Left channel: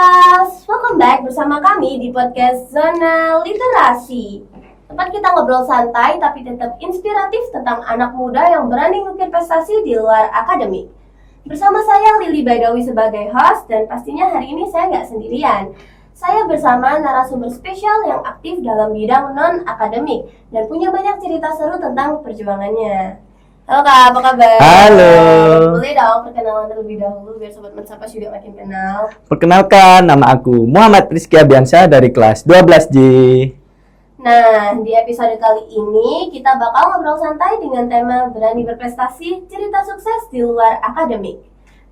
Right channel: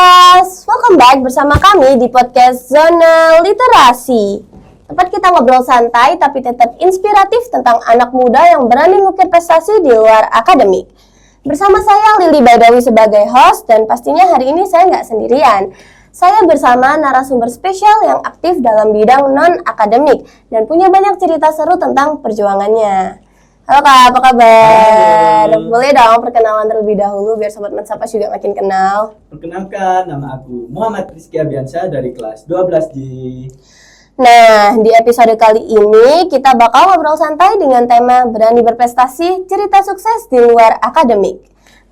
Mansapas, welcome back bersama kami di podcast Zona Literasi. Tempat kita ngobrol santai tapi tetap inspiratif tentang anak muda yang berani ngukir prestasi di luar akademik. Bersama saya Lily Baidawi sebagai host dan pastinya hari ini saya nggak sendirian. Saya bersama narasumber spesial yang aktif dalam bidang non-akademik dan punya banyak cerita seru tentang perjuangannya. Halo Kak, apa kabar? Halo. Boleh dong perkenalan terlebih dahulu biar Sobat Mansapas juga makin kenal. Perkenalkan, nama aku Muhammad Rizky Abiansyah dari kelas 12J. Nah, di episode kali ini kita bakal ngobrol santai dengan tema berani berprestasi, cerita sukses di luar akademik.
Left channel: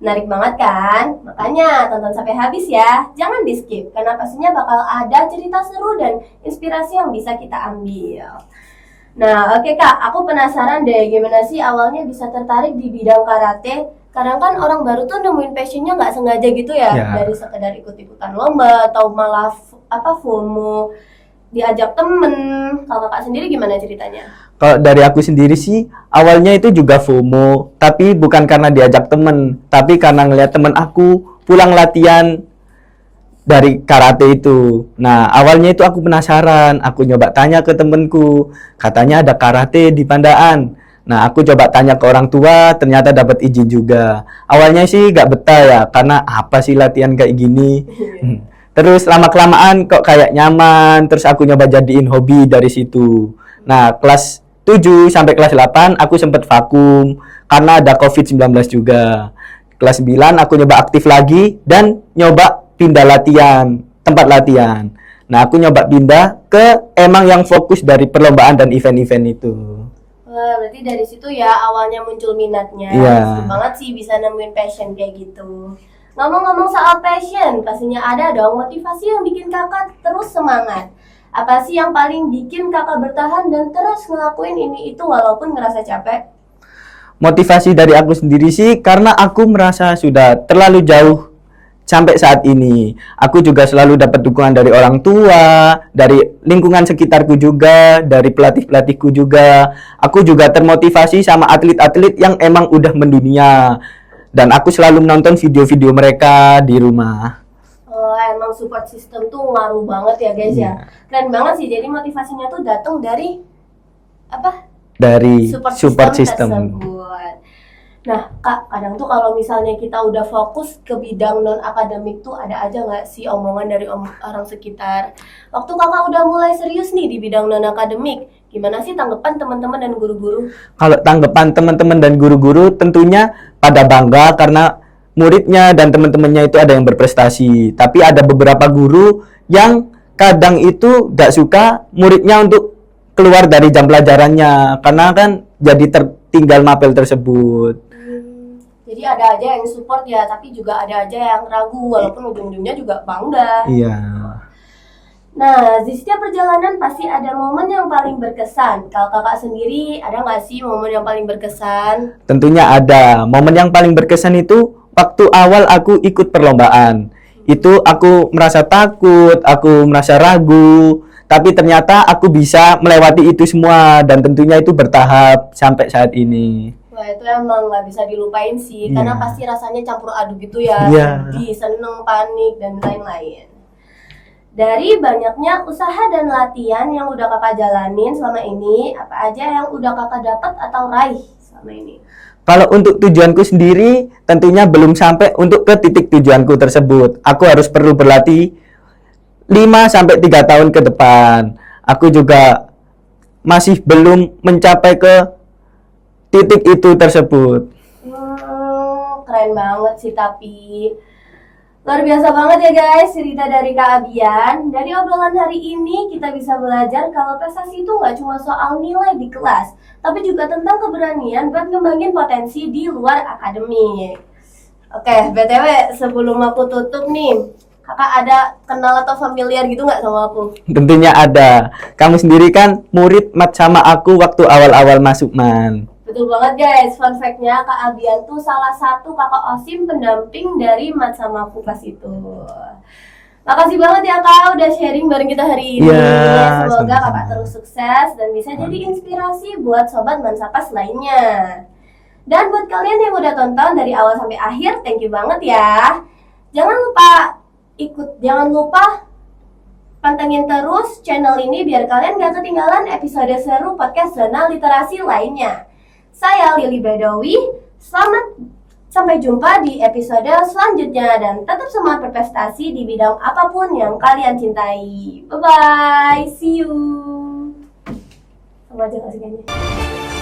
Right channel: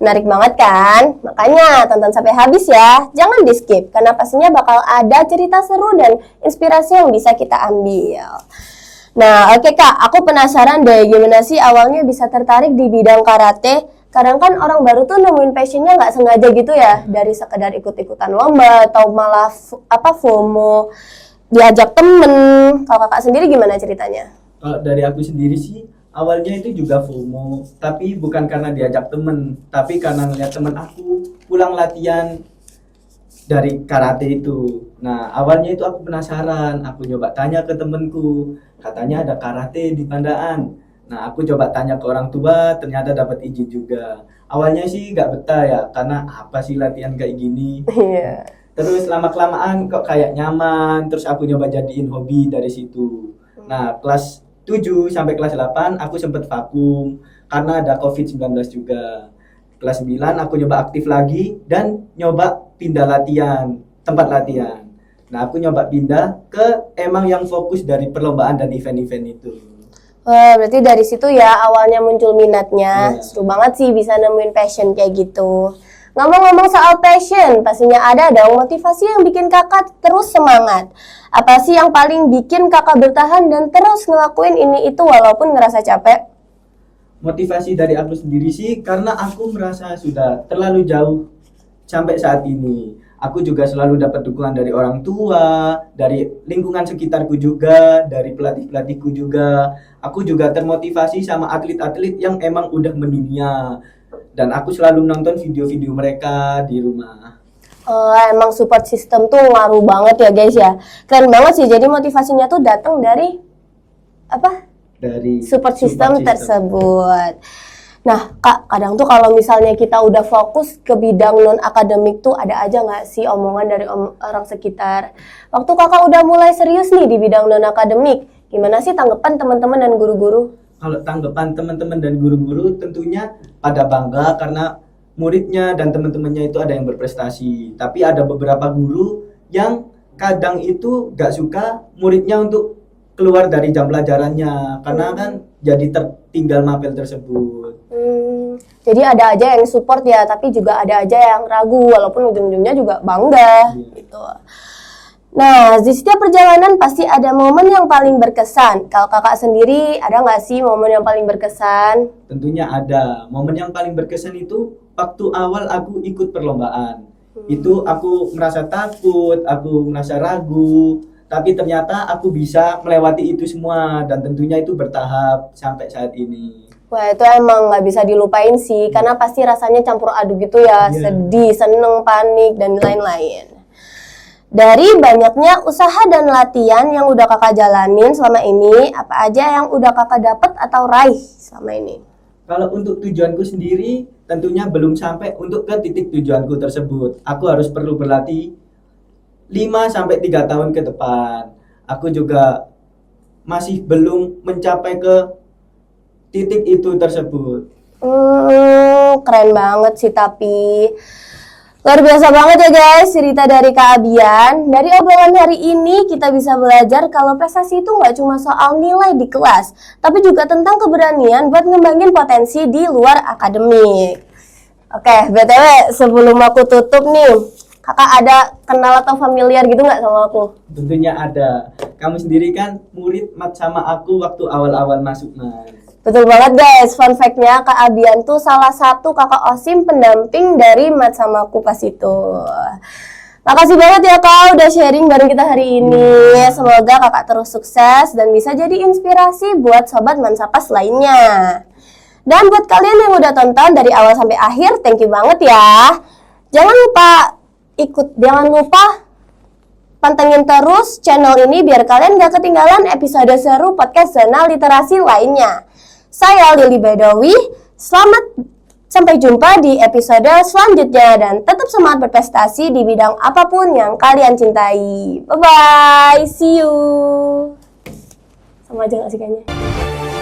Menarik banget kan? Makanya tonton sampai habis ya, jangan di skip karena pastinya bakal ada cerita seru dan inspirasi yang bisa kita ambil. Nah, oke Kak, aku penasaran deh gimana sih awalnya bisa tertarik di bidang karate. Kadang kan orang baru tuh nemuin passionnya nggak sengaja gitu ya, dari sekedar ikut-ikutan lomba atau malah FOMO, diajak temen. Kalau Kakak sendiri gimana ceritanya? Kalau dari aku sendiri sih, awalnya itu juga FOMO, tapi bukan karena diajak temen, tapi karena ngeliat temen aku pulang latihan dari karate itu. Nah, awalnya itu aku penasaran, aku nyoba tanya ke temenku, katanya ada karate di Pandaan. Nah, aku coba tanya ke orang tua, ternyata dapat izin juga. Awalnya sih gak betah ya, karena apa sih latihan kayak gini. Terus lama-kelamaan kok kayak nyaman, terus aku nyoba jadiin hobi dari situ. Nah, kelas 7 sampai kelas 8 aku sempat vakum, karena ada COVID-19 juga. Kelas 9 aku nyoba aktif lagi, dan nyoba pindah latihan, tempat latihan. Nah, aku nyoba pindah ke emang yang fokus dari perlombaan dan event-event itu. Wah, berarti dari situ ya awalnya muncul minatnya. Iya. Seru banget sih bisa nemuin passion kayak gitu. Ngomong-ngomong soal passion, pastinya ada dong motivasi yang bikin kakak terus semangat. Apa sih yang paling bikin kakak bertahan dan terus ngelakuin ini itu walaupun ngerasa capek? Motivasi dari aku sendiri sih karena aku merasa sudah terlalu jauh sampai saat ini. Aku juga selalu dapat dukungan dari orang tua, dari lingkungan sekitarku juga, dari pelatih-pelatihku juga. Aku juga termotivasi sama atlet-atlet yang emang udah mendunia. Dan aku selalu menonton video-video mereka di rumah. Emang support system tuh ngaruh banget ya guys ya. Keren banget sih, jadi motivasinya tuh datang dari apa? Dari Support system tersebut. Nah, Kak, kadang tuh kalau misalnya kita udah fokus ke bidang non-akademik tuh ada aja nggak sih omongan dari orang sekitar. Waktu Kakak udah mulai serius nih di bidang non-akademik, gimana sih tanggapan teman-teman dan guru-guru? Kalau tanggapan teman-teman dan guru-guru tentunya pada bangga karena muridnya dan teman-temannya itu ada yang berprestasi. Tapi ada beberapa guru yang kadang itu gak suka muridnya untuk keluar dari jam pelajarannya karena kan jadi tertinggal mapel tersebut. Jadi ada aja yang support ya, tapi juga ada aja yang ragu walaupun ujung-ujungnya juga bangga. Iya. Gitu. Nah, di setiap perjalanan pasti ada momen yang paling berkesan. Kalau kakak sendiri, ada nggak sih momen yang paling berkesan? Tentunya ada. Momen yang paling berkesan itu waktu awal aku ikut perlombaan. Itu aku merasa takut, aku merasa ragu, tapi ternyata aku bisa melewati itu semua dan tentunya itu bertahap sampai saat ini. Wah, itu emang nggak bisa dilupain sih, karena pasti rasanya campur aduk gitu ya, sedih, seneng, panik, dan lain-lain. Dari banyaknya usaha dan latihan yang udah kakak jalanin selama ini, apa aja yang udah kakak dapat atau raih selama ini? Kalau untuk tujuanku sendiri, tentunya belum sampai untuk ke titik tujuanku tersebut. Aku harus perlu berlatih 5-3 tahun ke depan. Aku juga masih belum mencapai ke titik itu tersebut. Keren banget sih tapi luar biasa banget ya guys cerita dari Kak Abian. Dari obrolan hari ini kita bisa belajar kalau prestasi itu nggak cuma soal nilai di kelas, tapi juga tentang keberanian buat ngembangin potensi di luar akademik. Oke, BTW sebelum aku tutup nih, kakak ada kenal atau familiar gitu nggak sama aku? Tentunya ada. Kamu sendiri kan murid mat sama aku waktu awal-awal masuk man. Betul banget guys, fun fact-nya Kak Abian tuh salah satu kakak OSIM pendamping dari mat sama aku pas itu. Makasih banget ya Kak udah sharing bareng kita hari ini. Semoga kakak terus sukses dan bisa jadi inspirasi buat sobat Mansapas lainnya. Dan buat kalian yang udah tonton dari awal sampai akhir, thank you banget ya. Jangan lupa Jangan lupa pantengin terus channel ini biar kalian gak ketinggalan episode seru podcast Zona Literasi lainnya. Saya Lili Badawi, sampai jumpa di episode selanjutnya dan tetap semangat berprestasi di bidang apapun yang kalian cintai. Bye-bye, see you. Sama aja gak sih kayaknya?